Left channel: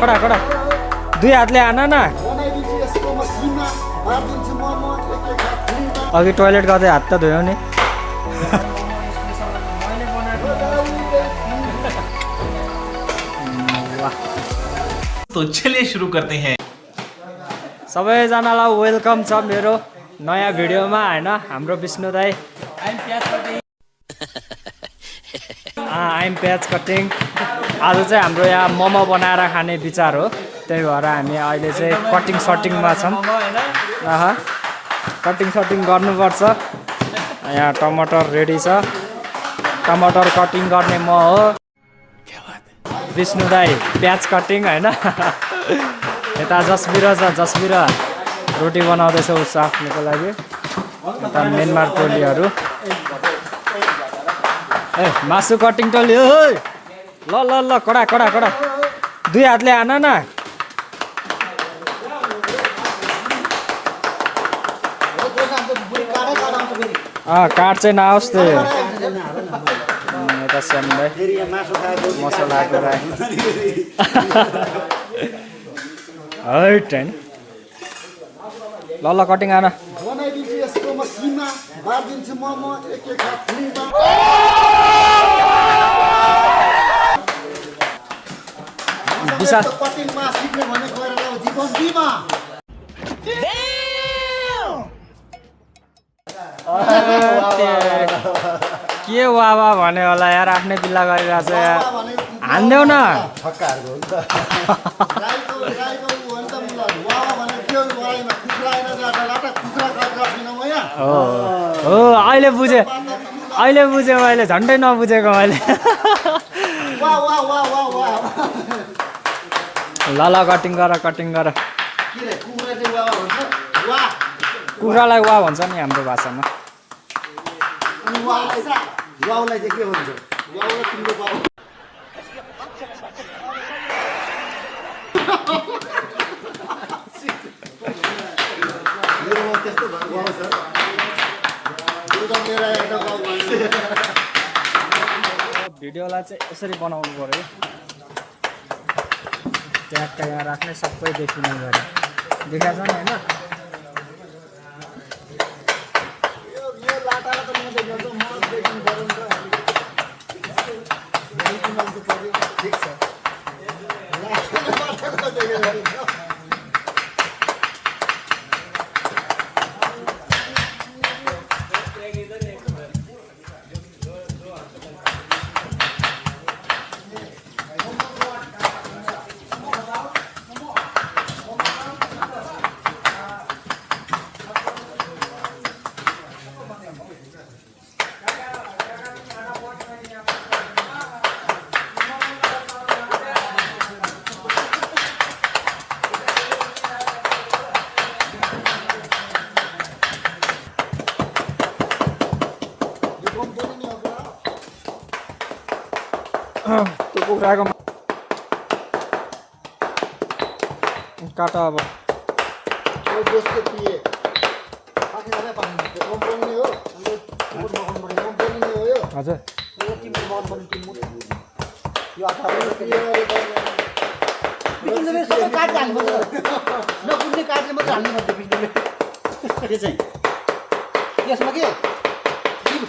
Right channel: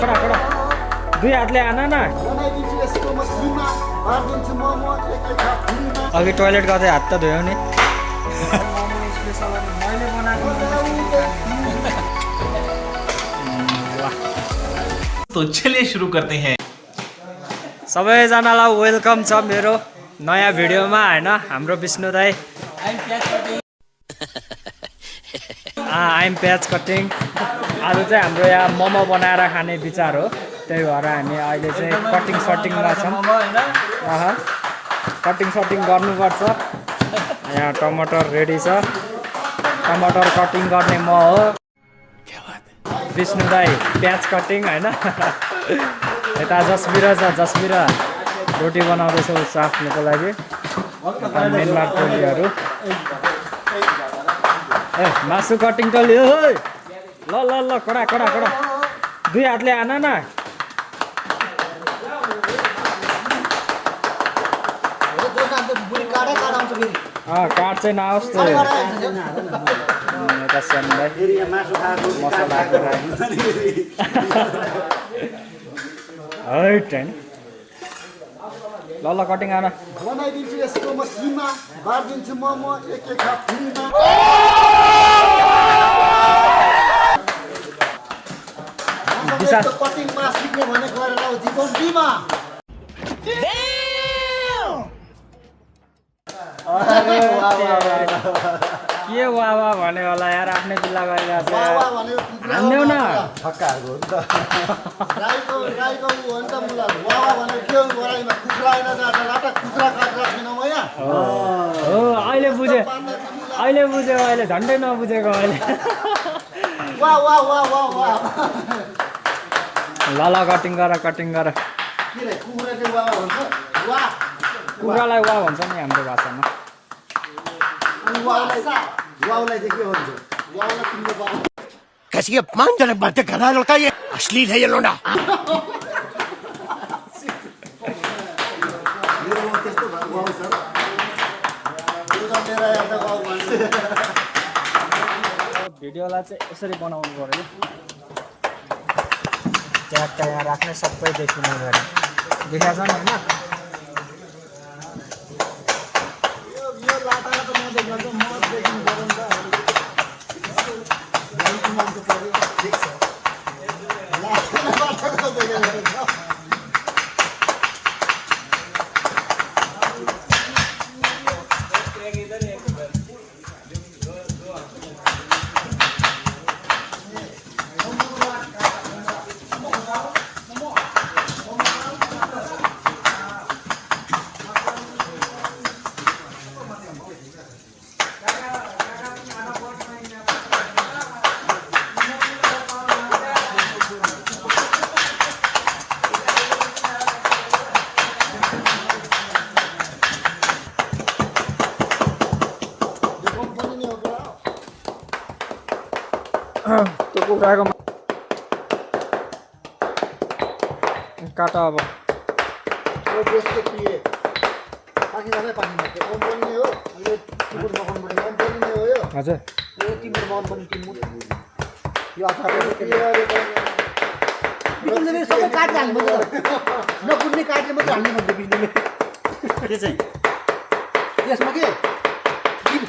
कडा कडा दुई हातले आना न अघि टोइलेट गर्दै हात त धोयो नि तो चलिए शुरू करते हैं सबैजनालाई वेलकम छ मेरो नयाँ भिडियोमा हैन हाम्रो विष्णु दाइ आइम प्याज कटिङ आज चाहिँ हाम्रो यहाँ मोमो बनाएर खाने विचार हो त्यही भएर हामी अहिले चाहिँ कटिङ सटिङमा छौँ कटिङ सटिङ गर्नुपर्छ यहाँ टमाटर रेडी छ टमाटर कटिङ गर्ने म हो विष्णु दाइ प्याज कटिङ हैन यता जसबिर छ जसबिर रोटी बनाउँदैछ उसो आफ्नोको लागि मेनमार टोलीहरू ए मासु कटिङ त लियो ल ल ल कडा कडा कडा दुई हातले आन न काट चाहिँ नआओस् त्यो यता स्यामलाई मसला है ट्रेन ल ल कटिङ आन बनाइदिन्छु यसको म किमा बार्दिन्छु मोमो एक एक हात फ्रीमा विशाल कटिङमा सिक्ने भने गएर जीवन दिमा के वावा भन्यो होला यार आफ्नै पिल्ला गरिरहेको छ यार हान्देऊ न फक्काहरूको हो नि त राईको हो नि त मुला वावा भने के हो वाइमा कुखुरा हैन जाटा कुखुरा काटेर छैन म यहाँ हो अहिले बुझेँ अहिले झन्डै नबुझेको मैले वा वा वा वा वा ल ल कटिङ गर के रे कुखुरा चाहिँ वावा भन्छ वा कुखुरालाई वा भन्छ नि हाम्रो भाषामा अनि वावालाई चाहिँ के भन्छ वावालाई तिम्रो बाबा कैसी अपमानजनक बातें कर रहा है लड़का ये अश्लील है ये लोना मेरो बाउ त्यस्तो भएको बाउ सर यो त मेरो एउटा बाउ भन्छ भिडियोलाई चाहिँ यसरी बनाउनु पऱ्यो ट्यागका यहाँ राख्ने सबै देखिने गरे देखाएको छ नि होइन यो लाटालाई त म देख्छु म देखिनु पर्यो नि त ठिक छ लाटाको देखेर त्यो कुखुराको काट अब यो देशको पिए पानी जाने पानी मात्र कम्पनी हो अनि कम्पनी हो यो हजुर यो तिम्रो कम्पनी तिम्रो यो अठार यो सबै काट हाल्नु नकुट्ने काटले मात्रै हाल्नु भन्दै बिजुलीले के चाहिँ त्यसमा के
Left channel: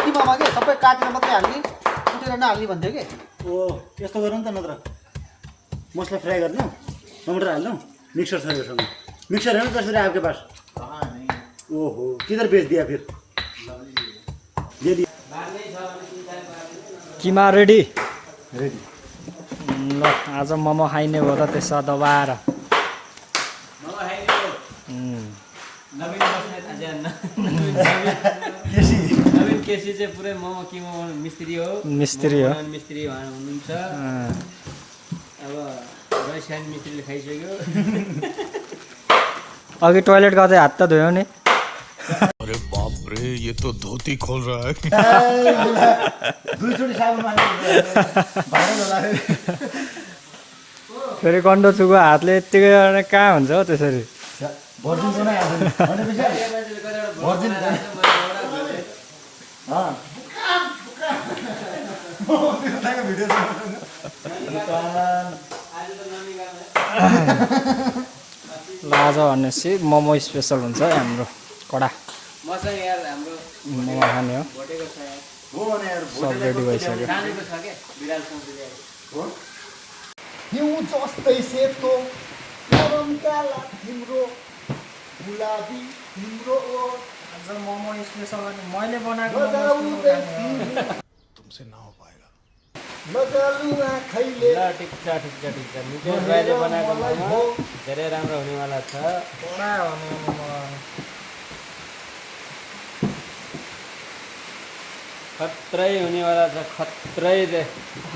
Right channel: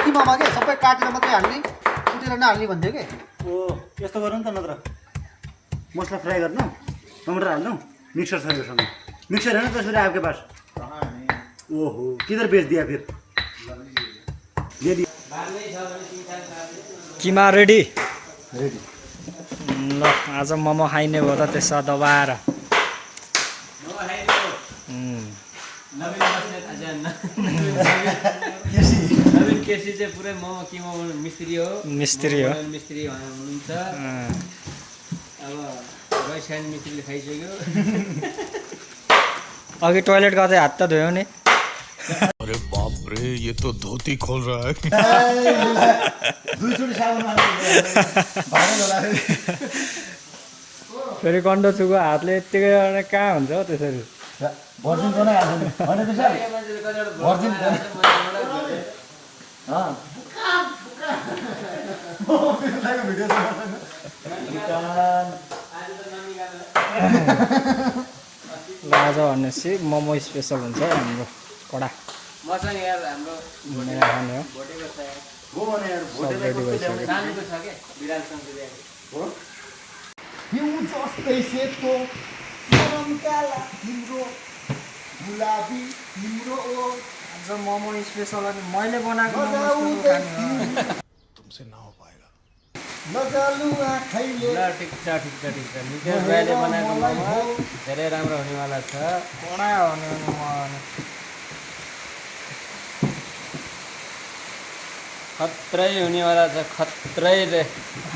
किमामा के सबै काटेर मात्रै हाल्ने कुटेर नहाल्ने भन्थ्यो के ओ यस्तो गर्नु नि त नत्र मसला फ्राई गर्नु टमाटर हाल्नु मिक्सर छ योसँग मिक्सर है ना तस्वीर आपके पास ओहो किधर बेच दिया फिर दे दिया किमा रेडी ल आज मोमो खाइने भयो त त्यसो दबाएर केसी चाहिँ पुरै मोमो किमो मिस्त्री हो मिस्त्री हो मिस्त्री हुनुहुन्छ अब वैशान मिस्त्रीले खाइसक्यो अघि टोइलेट गर्दै हात त धोयो नि अरे बाप रे ये तो धोती खोल रहा है दुईचोटि साबुन भाइरल होला फेरि कन्डो चुको हातले यत्तिकै गरेर कहाँ हुन्छ हौ त्यसरी भर्जिनको नै हाल्नु भनेपछि भर्जिन भिडियो ल आज भनेपछि मोमो स्पेसल हुन्छ है हाम्रो कडा मसँग यार हाम्रो मोमो खाने हो भोटेको छ यार सब रेडी भइसक्यो नानीको छ के बिरालसँग ल्याएको हिउँ जस्तै सेतो गरम काला तिम्रो गुलाबी तिम्रो आज मोमो स्पेसल अनि मैले बनाएको तुमसे ना हो पाएगा मजालु आँखैले ल ठिक छ निकै भाइले बनाएको मोमो धेरै राम्रो हुनेवाला छ कडा हुने अनि म खत्रै हुनेवाला छ खत्रै रे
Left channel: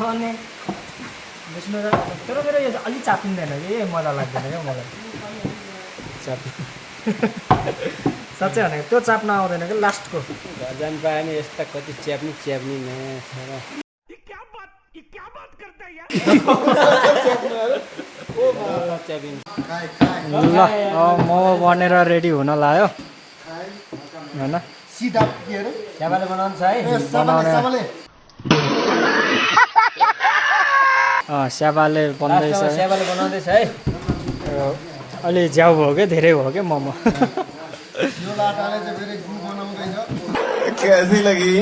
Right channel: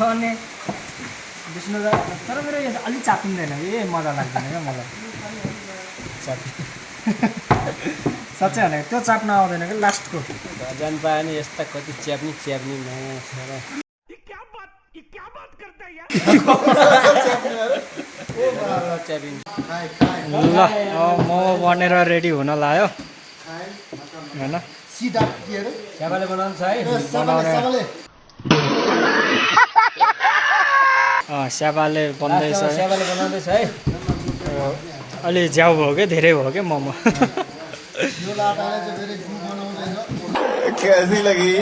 अनि विष्णु दाइ तर मेरो यो अलिक चापिँदैन कि मजा लाग्दैन क्या मलाई साँच्चै भनेको त्यो चाप्न आउँदैन कि लास्टको घर जानु पायो भने यस्ता कति च्याप्नी नयाँ ल मोमो बनेर रेडी हुन लाग्यो होइन सिधा के अरे स्याबाले बनाउँछ है सबले स्याबाले बन्दैछ लास्टमा स्याबाले बनाउँदैछ है अलि ज्याउ भयो क्या धेरै भयो क्या मोमो यो लाटाले चाहिँ फेरि गु बनाउँदैछ कैसी लगी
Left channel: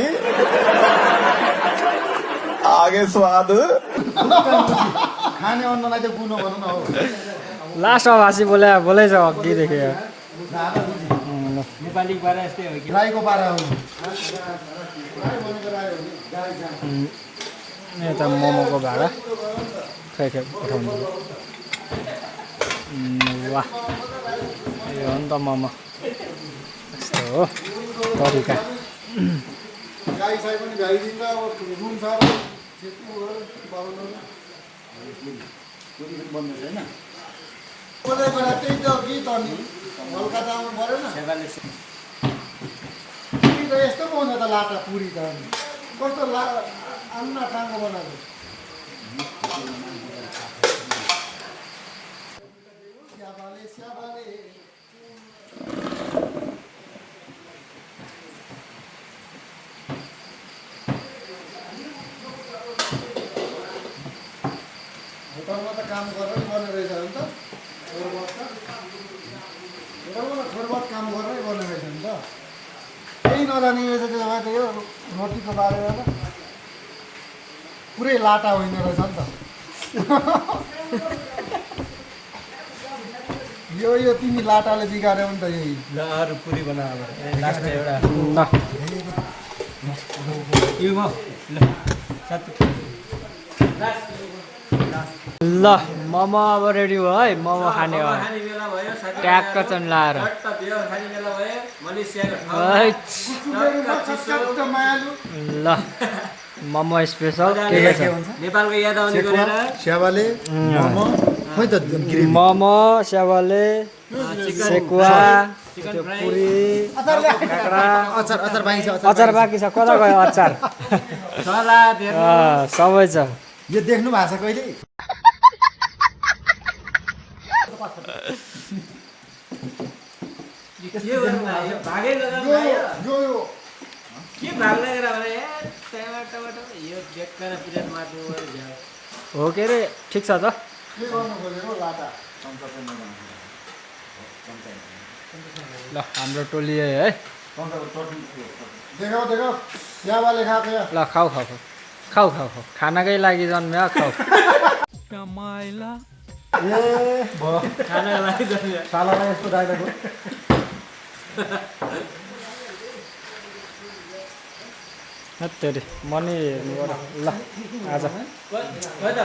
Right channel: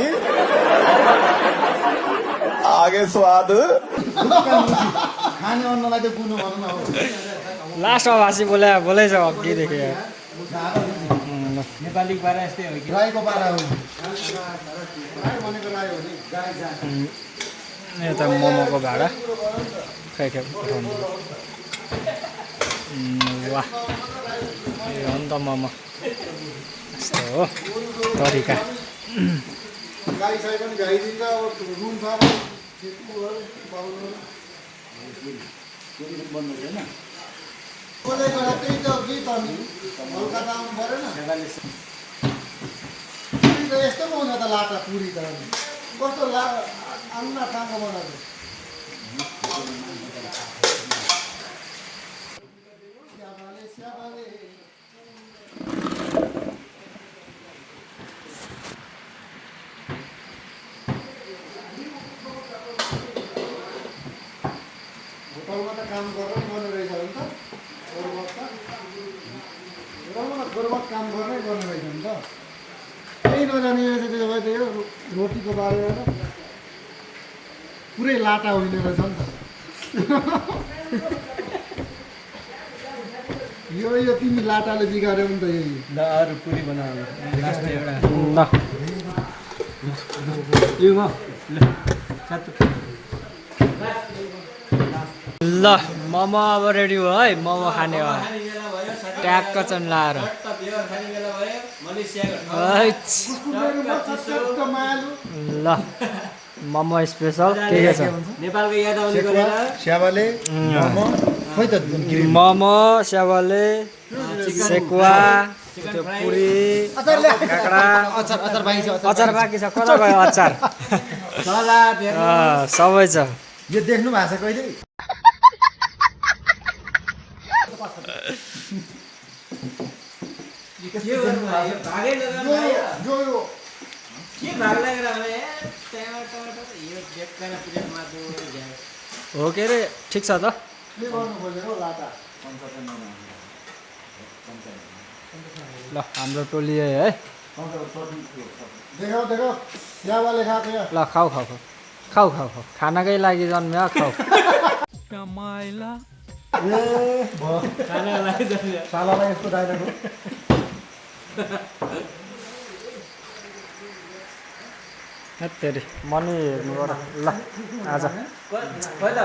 आगे स्वाद खाने अन्नलाई चाहिँ गुनो भनौँ न हो लास्टमा भाषी बोलेछ अघिदेखि नेपाली पारा यस्तै हो कि राईको पारा हो राई भनेको राई हो नि गाई जान्छ यता मोमोको भाडा खै उठाउनु वाह यो हो नि त मोमो यस्तो हो तरिका गाई साई पनि भ्याइदिन्छ अब रुम छ अब बोलेको त्यही त गीत अनि कलकत्ता आउनु परेन पुरी त यस्तो पो हुन्छ त लाटा पुरी त अनि कस्तो अन्ना टाङ्गो बनाएको स्याबाले स्याबाले होटलमा त काम गरेर गर्ने रहेछ नि त होटलमा त थोरबत काम गरेरै गर्ने रहेछ नि त केही नजाने रहेछ त्यसो भए त यो रोटीको बारेमा त पुरै लाटा होइन रहेछ नि त यो तिमी लाटाले बिगाऱ्यौ नि त यही ल अरू पुरी बनाऊ लास्ट एउटा ल यो म ल साथी ल मोमो अब रेडी भयो है मोमो खाने हो खाने बेला भयो साथी ट्याक्क चन लाएर चट्ट बियर खाने बेला भयो मलेसियाको हैट। चट्ट मायालु ल मोमो स्पेसल के छ नेपालको याद आउने गरेर स्याबाले खै त मोमो स्यावाले सेकुवा त्यो पुरी काँक्रा अचार बाँकी छ कता गयो अचार सलाद हेर्नु सबै छ यो देख्नु भएको छ कहिले के गर्नु भाइ भागै लगाउनु भाइ यो के भाग लगेर भने टमाटर यो बेकार प्लेट मार्नु हो के अरे ठिक छ त के गर्नु खोजेको लाटा ल हाम्रो टोली है देखाऊ देखाऊ स्याबाले खाएको या ल खाऊ खाऊ खाऊ खाऊ खाऊ खाऊ खानाकै लागि जन्म्यो खाऊ खानाको लागि जस्तो सालालाई यस्तो डाइलग हो हेत्तेरी मनी हेर्नु गर ल आज खोइ त